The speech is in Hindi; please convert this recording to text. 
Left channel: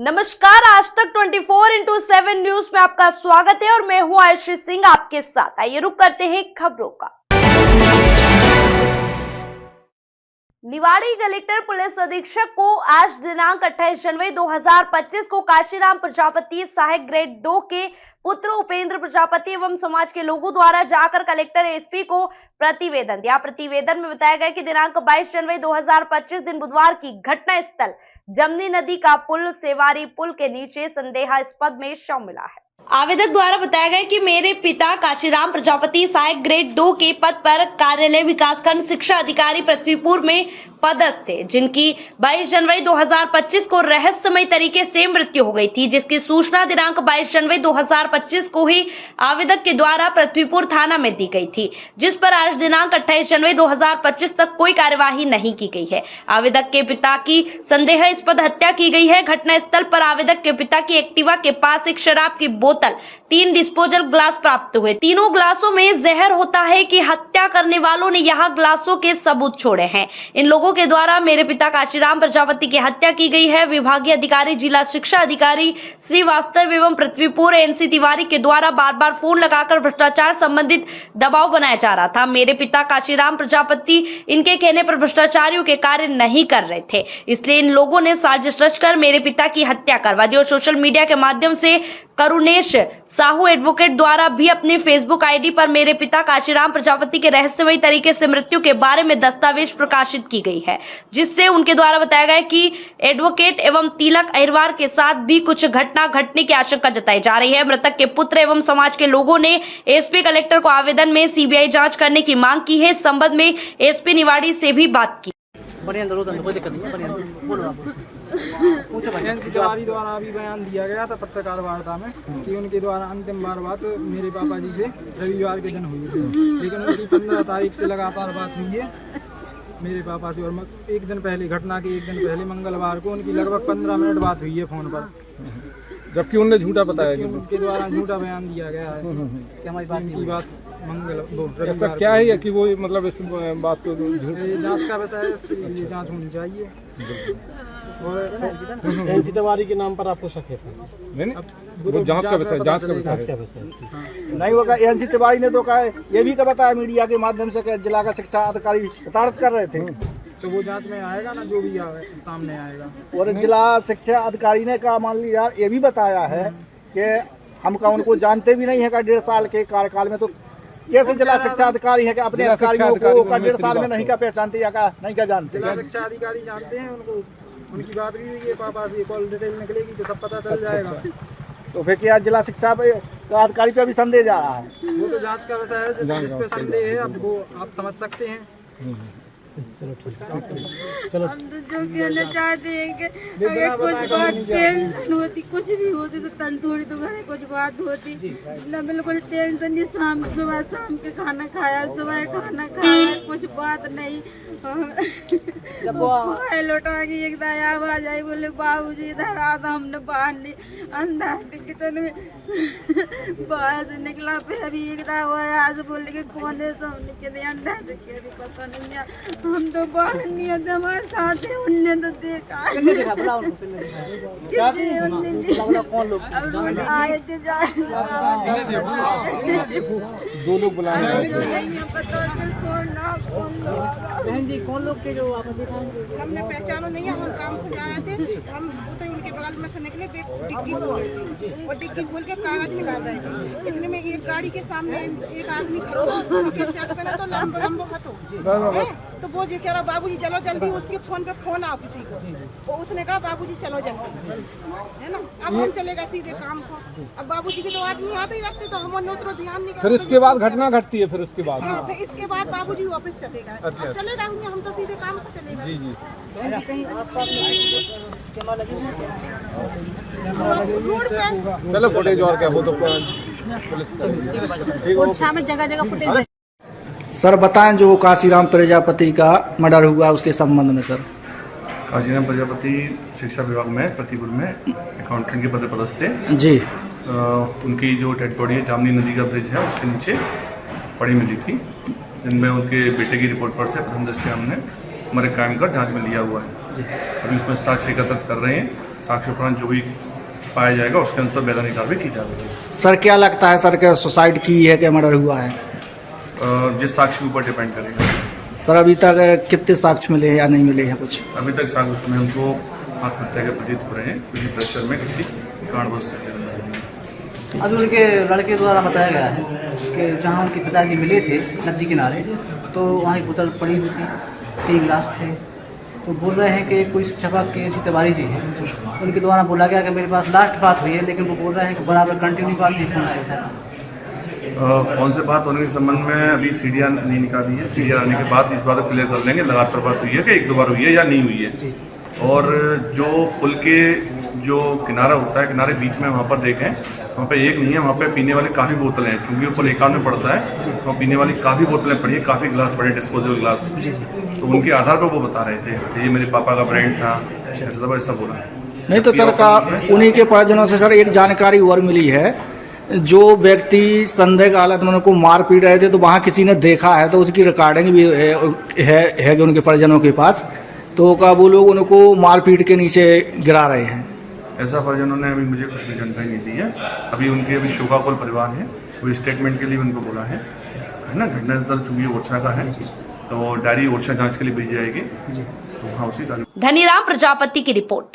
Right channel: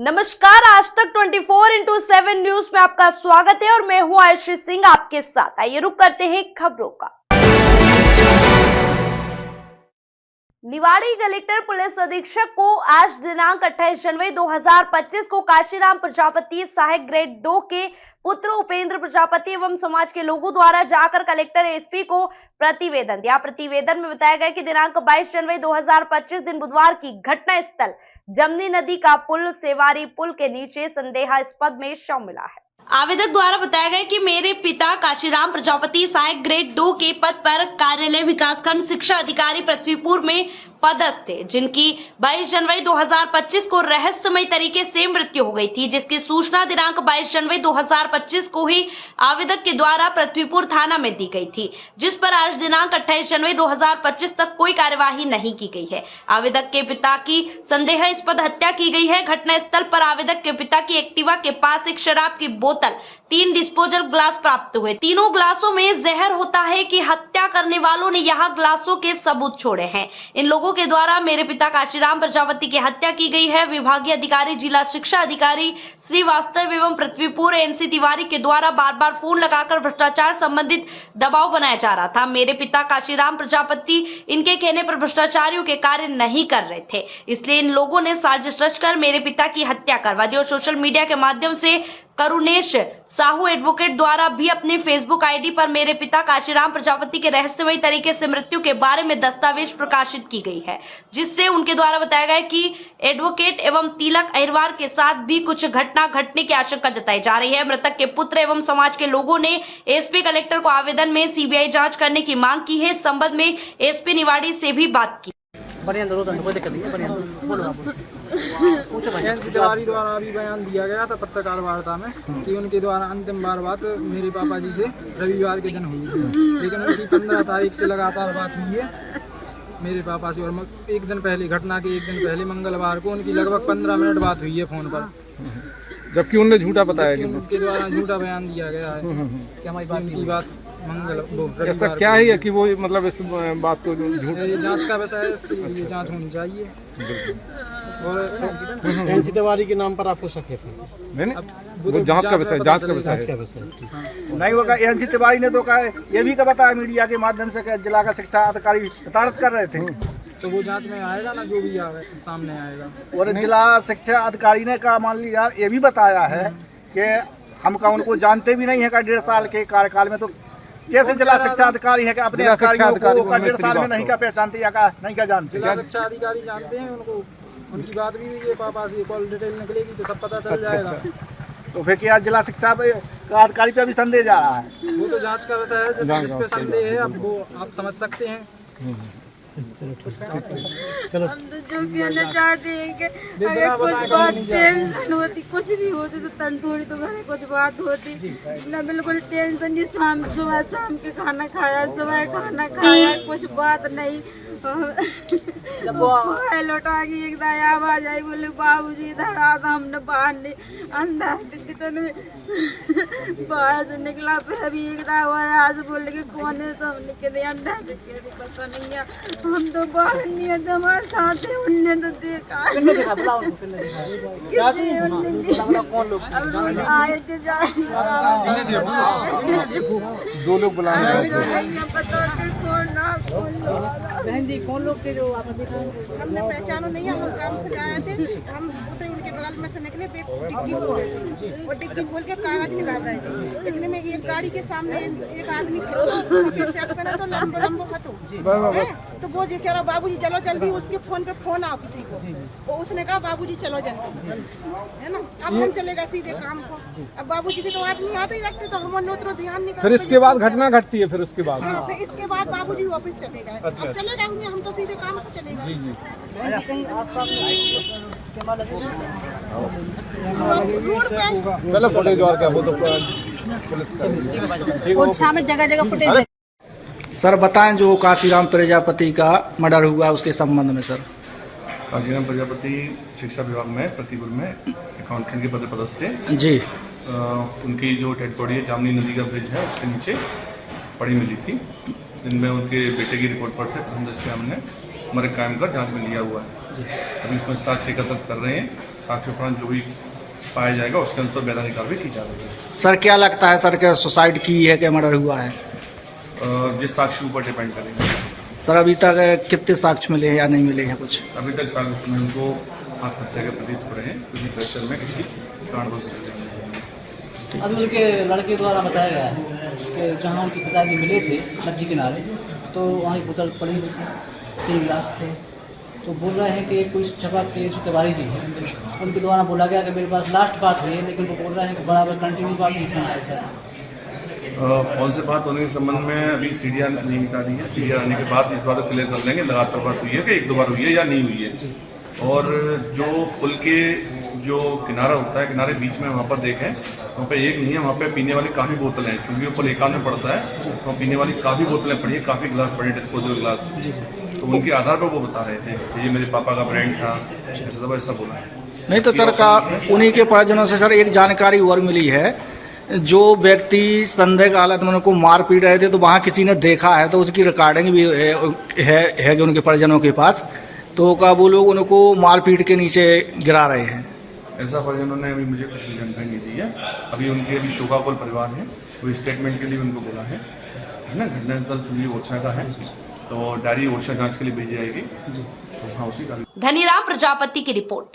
नमस्कार, आज तक 24x7 न्यूज में आपका स्वागत है और मैं हूं आयशी सिंह आपके साथ। आइए रुक करते हैं खबरों का। निवाड़ी कलेक्टर पुलिस अधीक्षक को आज दिनांक 28 जनवरी 2025 को काशीराम प्रजापति सहायक ग्रेड 2 के पुत्र उपेंद्र प्रजापति एवं समाज के लोगों द्वारा जाकर कलेक्टर एसपी को प्रतिवेदन दिया। प्रतिवेदन में बताया गया कि दिनांक 22 जनवरी 2025 दिन बुधवार की घटना स्थल जमनी नदी का पुल सेवारी पुल के नीचे संदेहास्पद में शव मिला है। आवेदक द्वारा बताया गया कि मेरे पिता काशीराम प्रजापति सहायक ग्रेड 2 के पद पर कार्यालय विकासखंड शिक्षा अधिकारी पृथ्वीपुर में पदस्थ थे, जिनकी 22 जनवरी 2025 को रहस्यमय तरीके से मृत्यु हो गई थी, जिसकी सूचना दिनांक 22 जनवरी 2025 को ही आवेदक के द्वारा पृथ्वीपुर थाना में दी गई थी, जिस पर आज दिनांक 28 जनवरी 2025 तक कोई कार्यवाही नहीं की गई है। आवेदक के पिता की संदेहास्पद हत्या की गई है। घटनास्थल पर आवेदक के पिता की एक्टिवा के पास एक शराब की बोतल, 3 डिस्पोजल ग्लास प्राप्त हुए। तीनों ग्लासों में जहर होता है कि हत्या करने वालों ने यहाँ ग्लासों के सबूत छोड़े हैं। इन लोगों के द्वारा मेरे पिता काशीराम प्रजापति की हत्या की गई है। विभागीय अधिकारी जिला शिक्षा अधिकारी श्रीवास्तव एवं पृथ्वीपुर एनसी तिवारी के द्वारा बार बार फोन लगाकर भ्रष्टाचार संबंधित दबाव बनाया जा रहा था। मेरे पिता काशीराम प्रजापति इनके कहने पर भ्रष्टाचारियों के कार्य नहीं कर रहे थे, इसलिए इन लोगों ने साजिश रचकर मेरे पिता की हत्या करवा दी और सोशल मीडिया के माध्यम से करुणेश साहू एडवोकेट द्वारा भी अपने फेसबुक आईडी पर मेरे पिता काशीराम प्रजापति के रहस्यमय तरीके से मृत्यु के बारे में दस्तावेज प्रकाशित की गई है, जिससे उनके द्वारा बताया गया कि एडवोकेट एवं तिलक अहिरवार के साथ भी कुछ घटना घटने की आशंका जताई जा रही है। मृतक के पुत्र एवं समाज के लोगों ने एसपी कलेक्टर को आवेदन में सीबीआई जांच करने की मांग की है। इस संबंध में एसपी निवाड़ी से भी बात की। एनसी तिवारी द्वारा अभी बयान दिया गया था पत्रकार वार्ता में कि उनके द्वारा अंतिम बार बात मेरे पापा जी से रविवार के दिन हुई थी, लेकिन उनकी 15 तारीख से लगातार बात हुई है मेरे पापा से। और एक दिन पहले, घटना के एक दिन पहले मंगलवार को उनकी लगभग 15 मिनट बात हुई है फोन पर, जबकि उन्होंने झूठा बताया कि उनके द्वारा झूठा बयान दिया गया है कि हमारी बात ऐसा क्या है कि वो मतलब इस बात को झूठ जांच का विषय है, इसके लिए जांच होनी चाहिए। और एनसी तिवारी के नाम पर आपको शक है? नहीं, वो जांच का विषय है। नहीं होगा। एनसी तिवारी ने तो कहा, ये भी बताया मीडिया के माध्यम से कि जिला का शिक्षा अधिकारी शतारत कर रहे थे, तो वो जांच में आएगा ना, जो भी सामने आएगा। और जिला शिक्षा अधिकारी ने कहा, मान लीजिए यार, ये भी बताया है कि हम का उनको जानते भी नहीं है का 1.5 साल के कार्यकाल में, तो कैसे जिला शिक्षा अधिकारी है कि अपने अधिकारियों को 1.5 साल में नहीं का पहचानते या का नहीं का जानते? जिला शिक्षा अधिकारी जानते हैं उनको, उनकी बात भी हुई है पापा से, कॉल डिटेल निकलेगी तो सब पता चल जाएगा। तो फिर क्या जिला शिक्षा अधिकारी पे भी संदेह जा रहा है? वो तो जांच का विषय है, जिस पे संदेह है अब वो आप समझ सकते हैं। चलो हम तो जो कहना चाहते हैं कि अगर कुछ बात टेंशन होती, कुछ भी होती तो तन थोड़ी तो घर कुछ बात होती ना, बिल्कुल टेंशन नहीं। सुबह शाम के खाना खाया, सुबह खाना खाया, कुछ बात नहीं। लौटा के एक आवाज आई, बोले बाबूजी इधर आ, तो हमने बाहर नहीं, अंदर किचन में बाहर से निकला, फिर अभी एक आवाज बोले कि कौन है, तो हमने कह अंदर से कह दी पता नहीं है, हम तो बाहर नहीं है, हमारे साथ है, उनने तो देखा आए थे दो लोग बुलाए, पता कौन लोग थे जो आपने देखा? हमने पहचानो नहीं है, हम काम पर जा रहे थे, हम उनके बगल में से निकले, डिक्की खोल रहे थे और डिक्की खोल के कागज निकाल रहे थे। इतने में एक गाड़ी के सामने एक आदमी खड़ा हो, सफेद शर्ट पहना, तो लंबो हटो, तो वो ये कह रहा बाबूजी चलो जल्दी, उसके फोन पे फोन आओ किसी को, तो उसने कहा बाबूजी चलो जल्दी, है ना। अब हम चलेगा सीधे काम को, अब बाबूजी के तो आदमी आते ही रखते, तो हमने उतना ध्यान नहीं। फिर इसके बाद घटना घटती है, फिर उसके बाद फिर इसके बाद बाबूजी ऑफिस चलेगा। अब चलेगा, हम तो सीधे काम को चलेगा। जी जी। चलो फुटेज और क्या, वो तो पुलिस में जगह जगह फुटेज। सर बताएं, जो काशीराम प्रजापति का मर्डर हुआ उसके संबंध में। सर काशीराम प्रजापति शिक्षा विभाग में पृथ्वीपुर में अकाउंटेंट के पद पर पदस्थ थे जी। उनकी जो डेड बॉडी है जामनी नदी का ब्रिज है उसके नीचे पड़ी मिली थी, जिनमें उनके बेटे की रिपोर्ट पर से प्रथम दृष्टया हमने हमारे क्राइम का जांच में लिया हुआ है। अभी उसमें साक्ष्य एकत्र कर रहे हैं। साक्ष्य उपरांत जो भी पाया जाएगा उसके अनुसार वैधानिक कार्रवाई की जा रही है। सर क्या लगता है सर क्या सुसाइड की है कि मर्डर हुआ है? जिस साक्ष्य के ऊपर डिपेंड करेगा। सर अभी तक कितने साक्ष्य मिले हैं या नहीं मिले हैं कुछ? अभी तक साक्ष्य में हमको आत्महत्या के प्रतीत हो रहे हैं, किसी प्रेशर में किसी कारणवश से। अभी उनके लड़के द्वारा बताया गया है कि जहाँ उनके पिताजी मिले थे नदी किनारे, तो वहाँ एक बोतल पड़ी हुई थी, 3 गिलास थे। तो बोल रहे हैं कि कोई छपा के जो तिवारी जी हैं उनके द्वारा बोला गया कि मेरे पास लास्ट बात हुई है, लेकिन वो बोल रहे हैं कि बराबर कंटिन्यू बात नहीं फोन से सर। फोन से बात होने के संबंध में अभी सीढ़ियाँ नहीं निकाली है। सीढ़ियाँ आने के बाद इस बार क्लियर कर लेंगे लगातार बात हुई है कि 1-2 बार हुई है या नहीं हुई है। और जो पुल के जो किनारा होता है, किनारे बीच में वहाँ पर देखें, वहाँ पे एक नहीं है, वहाँ पे पीने वाली काफ़ी बोतलें हैं। चूँकि वो पुल एकांत में पड़ता है तो पीने वाली काफ़ी बोतलें पड़ी है, काफ़ी गिलास पड़े, डिस्पोजेबल गिलास। तो उनके आधार पर वो बता रहे थे कि ये मेरे पापा का ब्रांड था, ऐसा बोला है। नहीं तो सर का उन्हीं के परिजनों से सर एक जानकारी और मिली है, जो व्यक्ति संदेह की हालत में उनको मार पीट रहे थे तो वहाँ किसी ने देखा है, तो उसकी रिकॉर्डिंग भी है उनके परिजनों के पास। तो क्या वो लोग उनको मार पीट के नीचे गिरा रहे हैं? ऐसा परिजनों ने अभी मुझे कुछ भी जानकारी नहीं दी है। अभी उनके अभी शोकाकुल परिवार है, वो स्टेटमेंट के लिए उनको बोला है ना। घटनास्थल चूंकि ओरछा का है तो डायरी ओरछा जांच के लिए भेजी जाएगी। तो हाँ उसी का धनीराम प्रजापति की रिपोर्ट।